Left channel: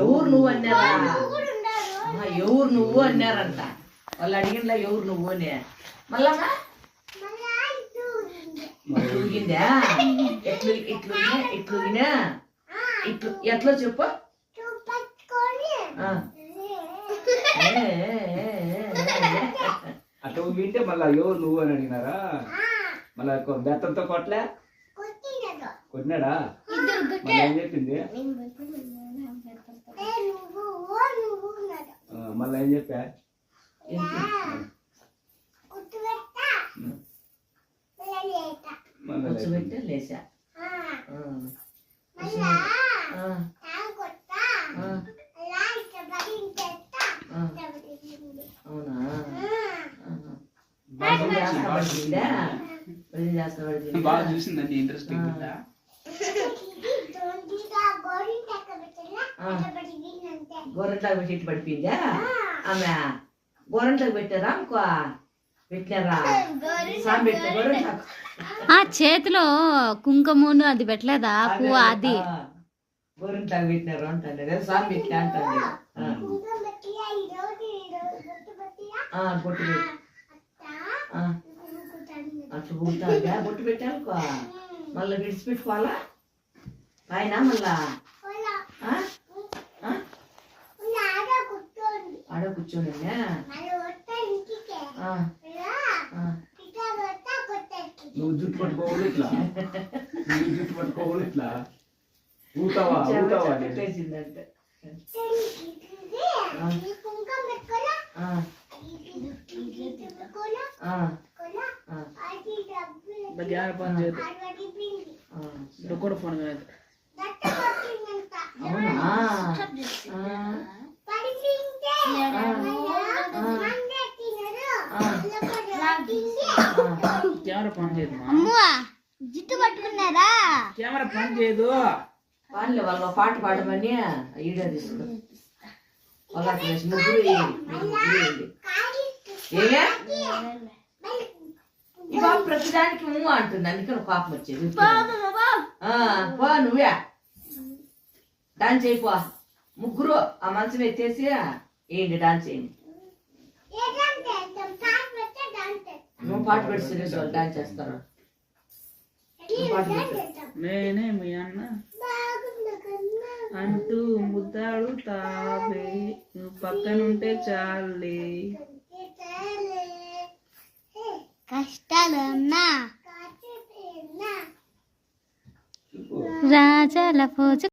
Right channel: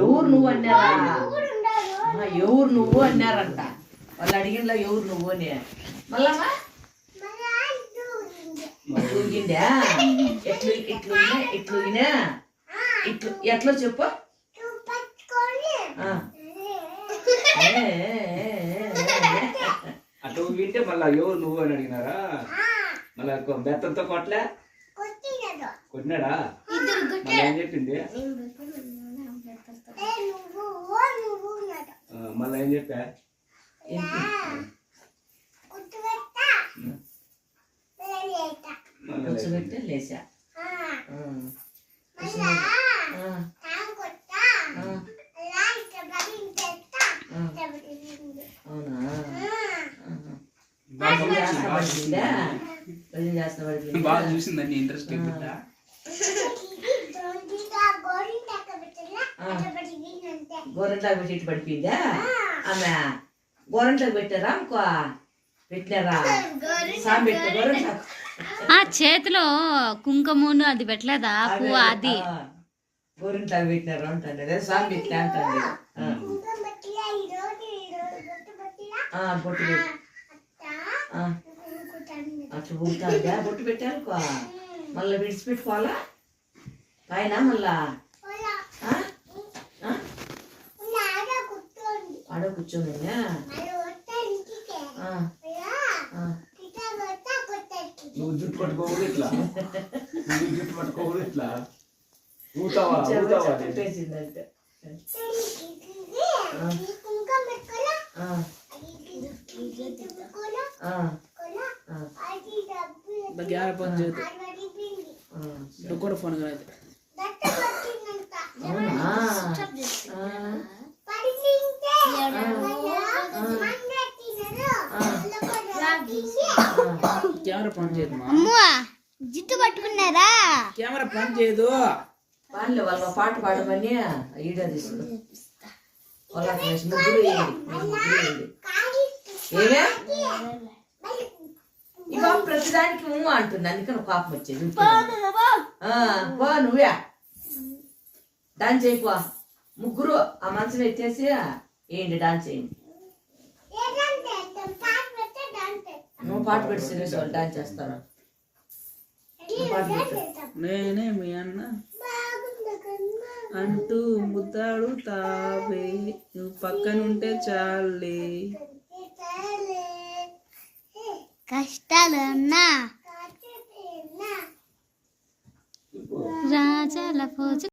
ఎవరు నువ్వు అన్నారా? ఎవరు నువ్వు అన్నారంట. వాళ్ళు అడిగినలా ఎవరు నువ్వు అని. మళ్ళమ్మా ఇట్లుగిందా? ఇట్లుగినా ఇట్లు ఎట్లా చెప్పు. అటు వింటే మళ్ళా ఎవరు నువ్వు అని అడిగినారా? మళ్ళా బెత్తంతో కొట్టలే కొట్టినాడా? ఏం చెప్పింది? మళ్ళా ఏం చెప్పా? లేచా బాగా చూసిందండి. ఇంట్రెస్టింగ్ గోరంట్లోకి పెట్టి పడిపోయిందా ఆమె? గోరంట్లోకి పెట్టారా? ఇంకో పెట్టారా? సామి పెట్టా గోరంట్లకు. చేతిలో కుంకుమను అది పెట్టలేదా? పువ్వు అది గోరంట్లోకి పెట్టినారు అంటాను. స్వామి పెట్టా అంటాను. బొట్టు పెట్టి అట్లా బుగుతుందా? బొట్టు పెట్టానుకో మళ్ళీ విడిచిపెట్టుకోవాలా పైన. మళ్ళా ఆడ కూర్చొని నువ్వు జుట్టు పట్టుకోవాలి ఇట్లా, నువ్వు జుట్టు పట్టుకోవాలి ఇట్లా ఊతావా చెప్పేసిందంటే కూడా ఫోన్ కెమెరా పని చేయదు. జిట్టు పట్టుకున్నారా? కెమెరా పని చేయదు. వాళ్ళే వాళ్ళ పాట పాడమని ఈడే తీసుకుని ముగ్గురు ఏమే ఈ బాబు ప్రతిదానికి అంటుంది. అందుకని పాపం వచ్చేది. పో నువ్వే డాన్స్ అయిపో. ముగ్గురు ఆ మంచం ఎత్తేసి ఏంటి డాన్స్ చేయండి. నువ్వు పాట పెట్టి సిరీస్ వాళ్ళు డాన్స్ చేస్తారు. నేనే మీ అన్న అంటూ ముద్దాడు తావే, నువ్వు పక్కనుంటే చాలే. కష్టాలున్నా రాజాల పోజు